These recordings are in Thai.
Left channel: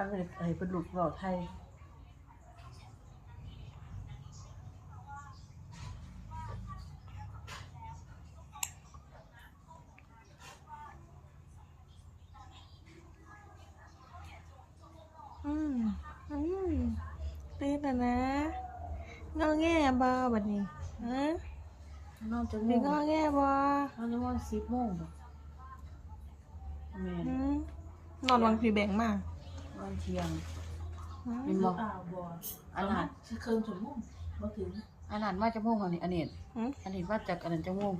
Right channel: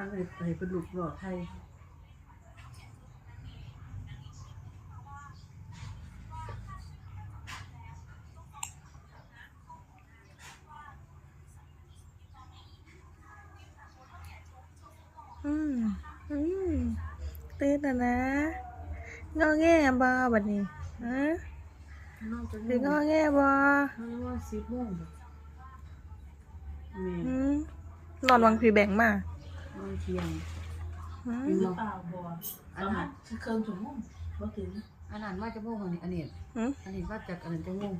ว่าให้ให้เป็นลูกบอกไทยอืมอืมตื่นแล้วนะงอแงบ่บัดนี้ฮะนอนจะสิงอแงบ่นอนจะว่าสิบโมงแม่หืมนอนวังพี่แบงค์มา นอนเที่ยงหืมเป็นหบรืออกเปล่าบัวอันนั้นคือเคิงถุงมุ่งบ่ถึงอันนั้นว่าจะโมงอันนี้อันนี้หืมอันนี้ว่าจากอันนั้นจะโมง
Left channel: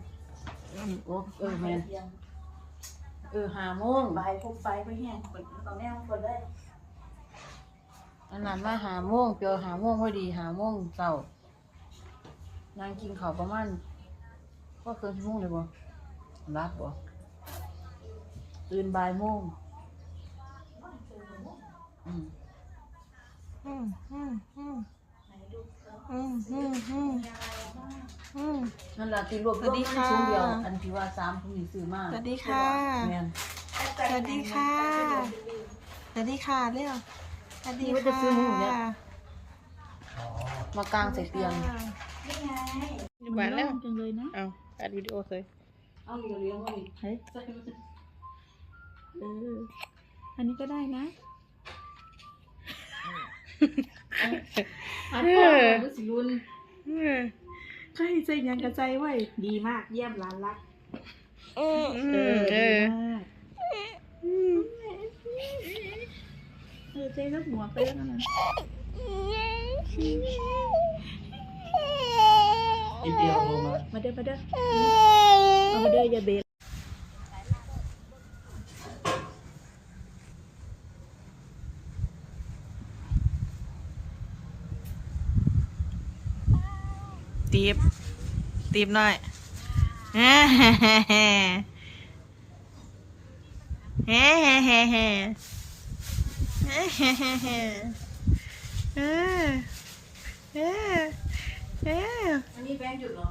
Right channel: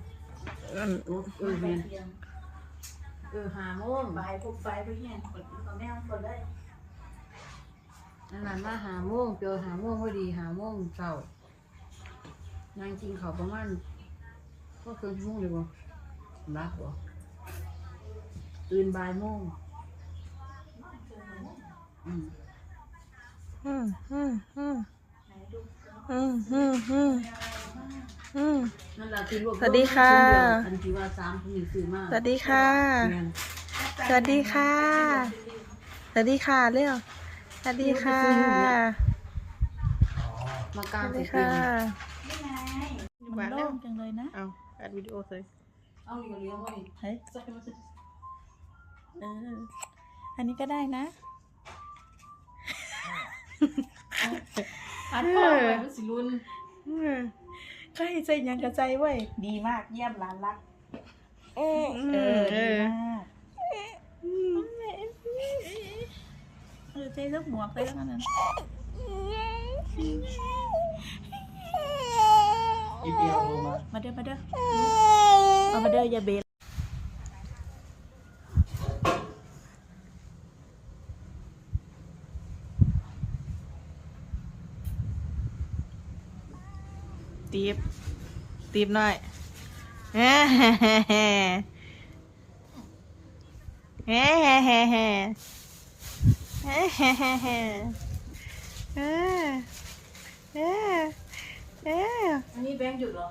อันโอ้เออแมนเที่ยงเออห้าโมงบ่ายพวกบ่ายพวกแห้งคนตอนแม่มันคนเลยอันนั้นว่าห้าโมงเปียวห้าโมงพอดีห้าโมงเช้านางกินข้าวประมาณก็เกินชั่วโมงเลยบ่รับบ่ตื่นบ่ายโมง อืมอืมอืมอืมอืมอืมอืมมนั่นแหละที่รวบรวมสวัสดีค่ะอันที่ว่าสามที่หนูซื้อมาสวัสดีค่ะ แม่นสวัสดีค่ะ สวัสดีค่ะเร็วสวัสดีค่ะมากลางวัสใส่ดีเตียค่ะงไงหวานแล้วจังเลยนะเอาอัดวิดีโอเลยเอาเหลียวเลี้ยงไว้เฮ้ยเอออันนี้ก็ได้นะ อันนี้ก็สิรุนอืมใช่ใจยังกระใจไว้ยดีมากเยี่ยมร้านรักอืมเออดีมากเออใจลูกหมวกไปแล้วกันนะอีเดียวมามาเด้อมาเด้อมาเด้ออย่าเบร ตีบตีบหน่อยเฮ้เฮ้เฮ้เฮ้เฮ้เฮ้เฮ้เฮ้เฮ้เฮ้เฮ้เฮ้เฮ้เฮ้เฮ้อันนี้แบงค์หยุดเหรอ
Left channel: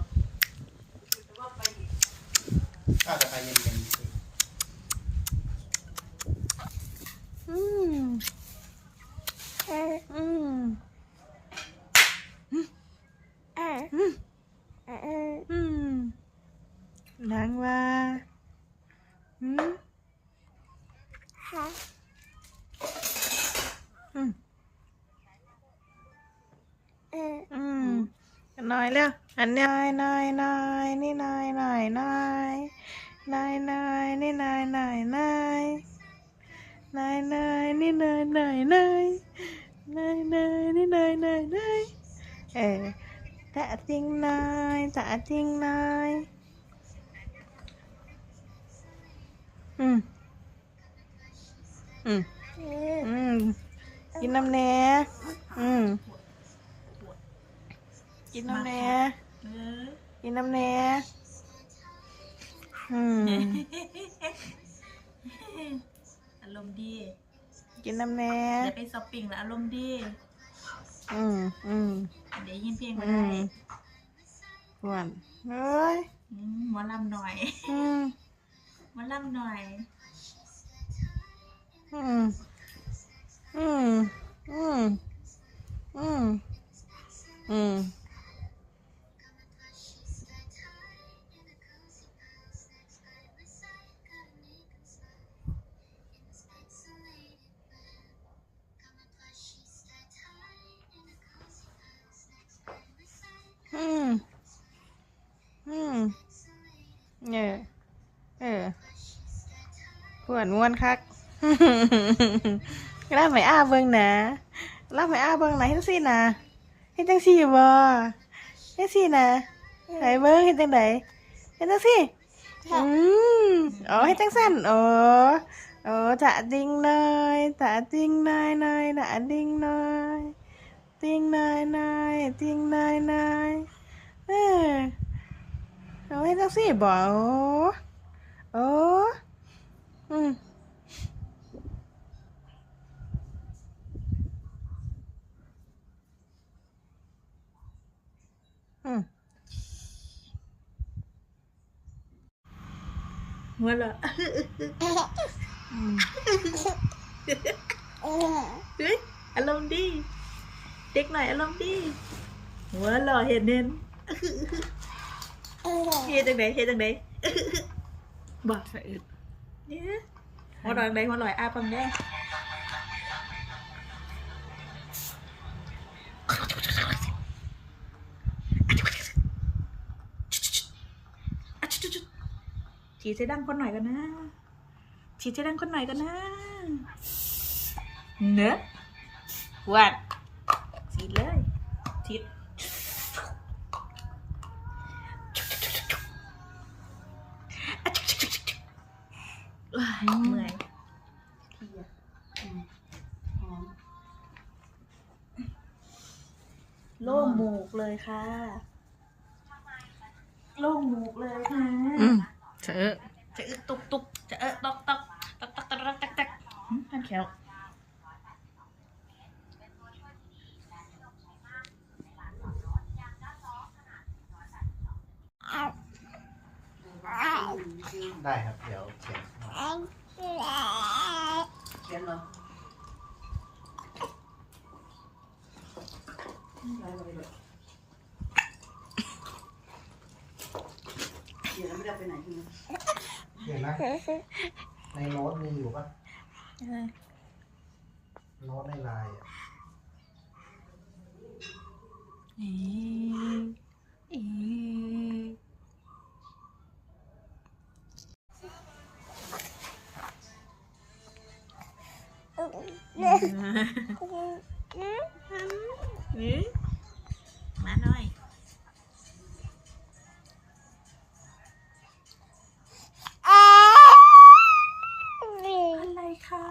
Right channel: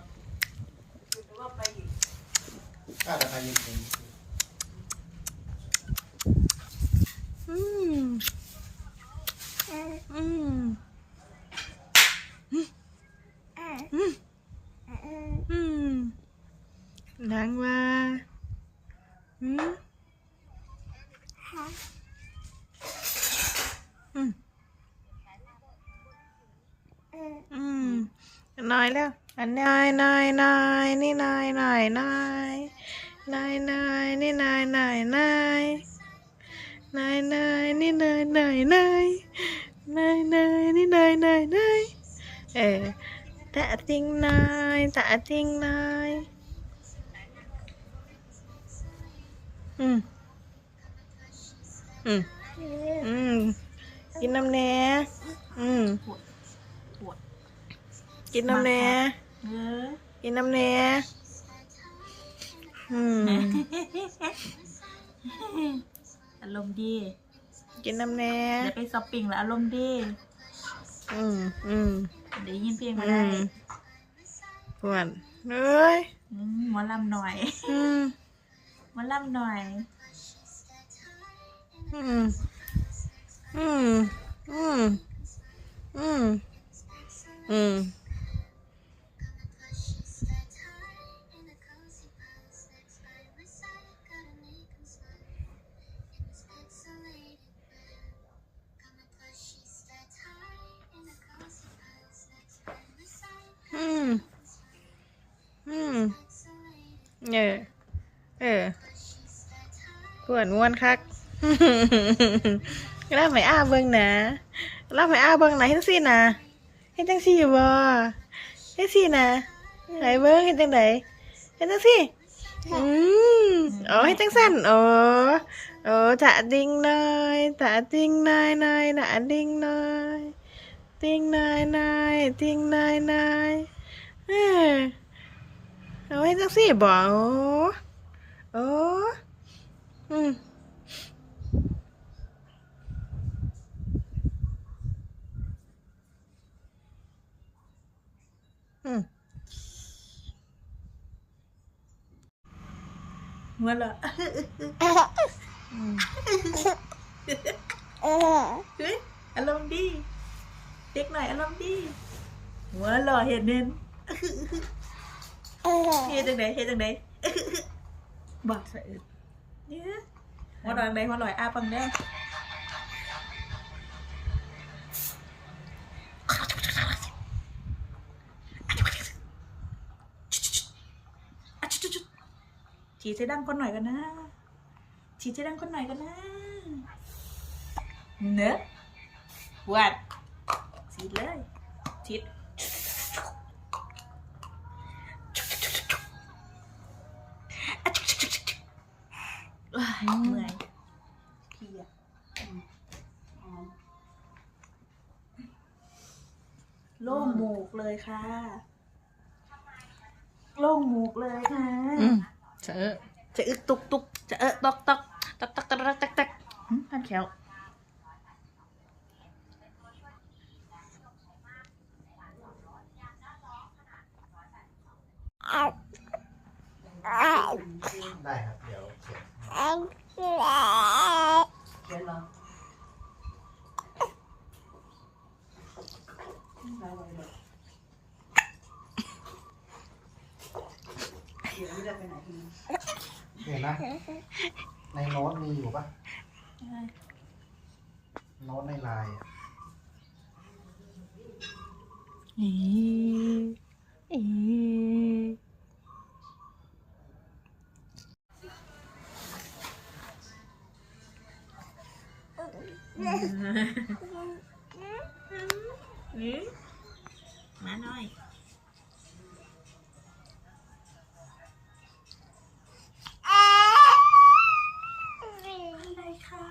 ถ้าใครยังเป็นอืมอืมอืม ดังว่าอืมอืมอืมน้อยแล้วอันน้อยน้อยน้อยนี่น้อยน้อยน้อยน้อยน้อยนี่น้อยน้อยน้อยน้อยน้อยนี่น้อยน้อยน้อยน้อยน้อยนี่น้อยน้อยน้อยเออตะติงน้อยตะติงน้อย อืมอืมอืมกินน้ำแหน่อืมปวดกินน้ำแหน่เออกินน้ำแหน่อืมอารมณ์ดี กินน้ำแหน่เดี๋ยวไปช้อปปิ้งแล้วอารมณ์ดี อืมอืมเดี๋ยวยินเพลงมาอืได้มหวานเอ้ยอืมหมอลำหน่อย อืมห มาล่ำหน่อย อืม อืม อืม อืม อืม วดม้วนคักรับไหมอ้าเบิ่งนะรับไหมอ้าเบิ่งนะเฮ็ดจังซี่นะเฮ็ดจังซี่บ่เฮ็ดซี่นะไหนเบิ่งเฮ็ดจังไดเฮ็ดจังซี่อืมอ๋อเฮ็ดจังซั่นอ๋อโอ้จะดิ่งหน่อยจะดิ่งหน่อยหน่อยจะดิ่งหน่อยดิ่งหน่อยหน่อยดิ่งหน่อยหน่อยเออเอาเฮ็ดจังซี่บ่โอ้โอ้ ừ. ừ. Voilà. Ừ, ừ. ăn lông đi. Tiếc này ăn lông đi. Quá lò hiện nên ừ. Hiện từng đấy, hiện từng đấy. Bỏ phải ướt หัวหล่อจังไดหัวล่ออ้าปังเด้ออะชุดๆๆฉีดใส่ดังคนหน่อยกันนะฉีดใส่ดังคนหน่อยกันนะเนอะวัดฉีดเลยฉีด เมื่อยพียโล่งหมูกเลยค่ะ โล่งหมูกเลยค่ะ อืมเจอจะอึกตุกตุกจะเออตอกตอกตอกตอกตอกตักตักพันแขวได้ครับ เดี๋ยวเข็ย เขียนเหรอไว้ไว้เลยเดี๋ยวไม่ได้ไปไหนทีนี้เห็นไหมในโน้ตมีอยู่ปะเออโน้ตในไลน์อะอีอีนี่มาหน่อย อะไรคะ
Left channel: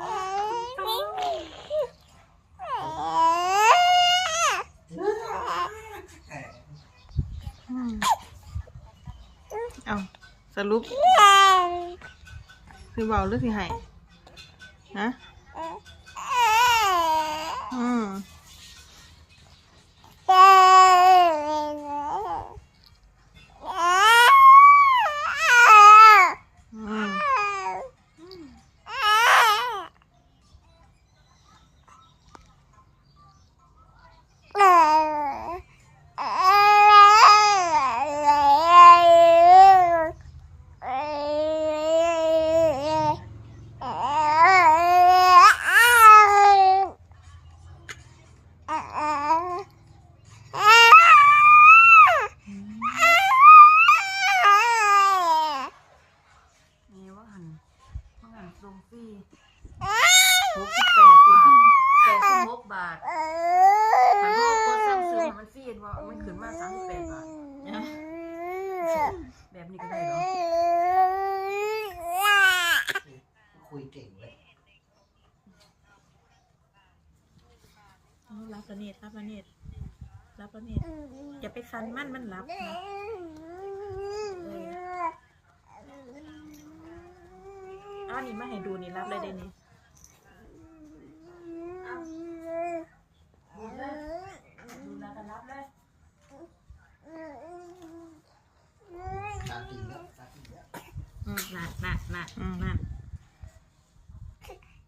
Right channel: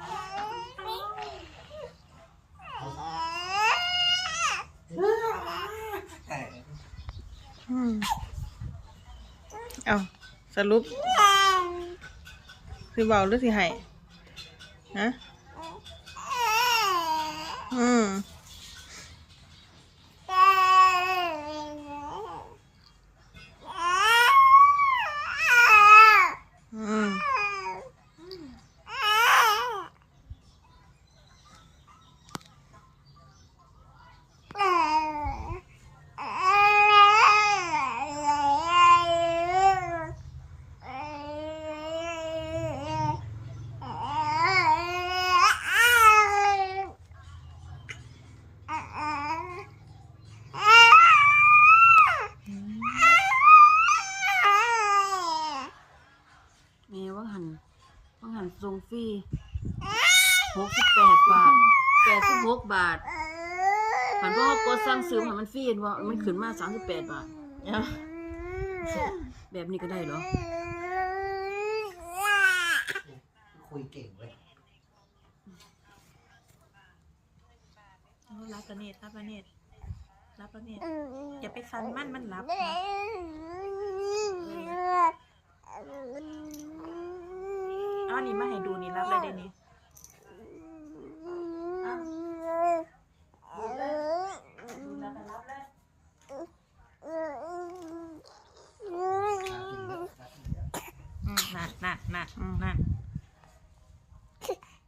แต่อืมเอาสรุปสิเบาหรือสิให้ฮะ 嗯。 ขึ้นมาสามสิบแปดบาทเนี่ยแบบนี้ก็ได้เหรอคุยเก่งเลยเอารับประเนตรรับประเนตรรับประเนตรอย่าไปซันมันมันรับนะเอ้าวนี่มาให้ดูนี่รับเลยเดี๋ยวนี้ น่ากินแล้วน่ากินแล้ว อืมนั่นนั่นนั่นอืมนั่น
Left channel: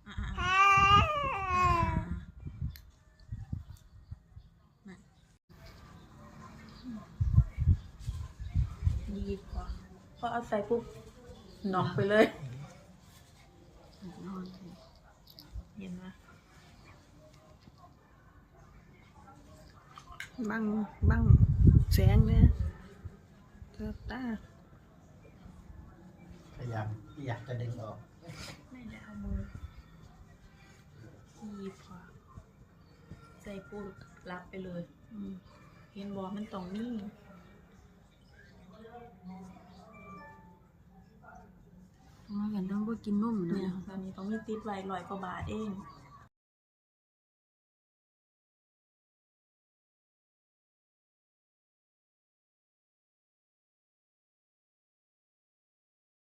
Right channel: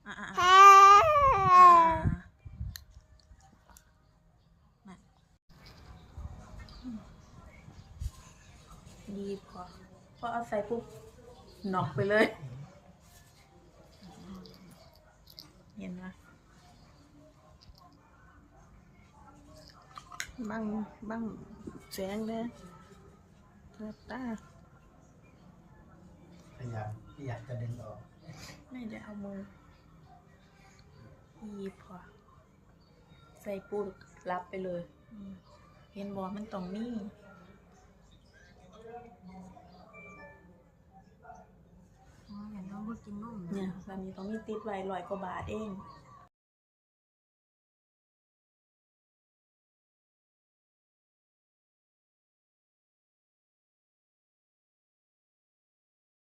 อะอะอะอะนั่น ดีพอพอเอาใส่ปุ๊บหนอกไปเลยเห็นไหมบังบังแสงเนี่ยเกือบตาพยายามอยากจะดึงออกไม่ได้เอามือดีพอใส่ปุ๊บรับไปเลยอืมเห็นบอมันตรงนี้ กินนมเนี่เนี่ยยแบบนี้ต้องมีติดไว้ร้อยกว่าบาทเองอ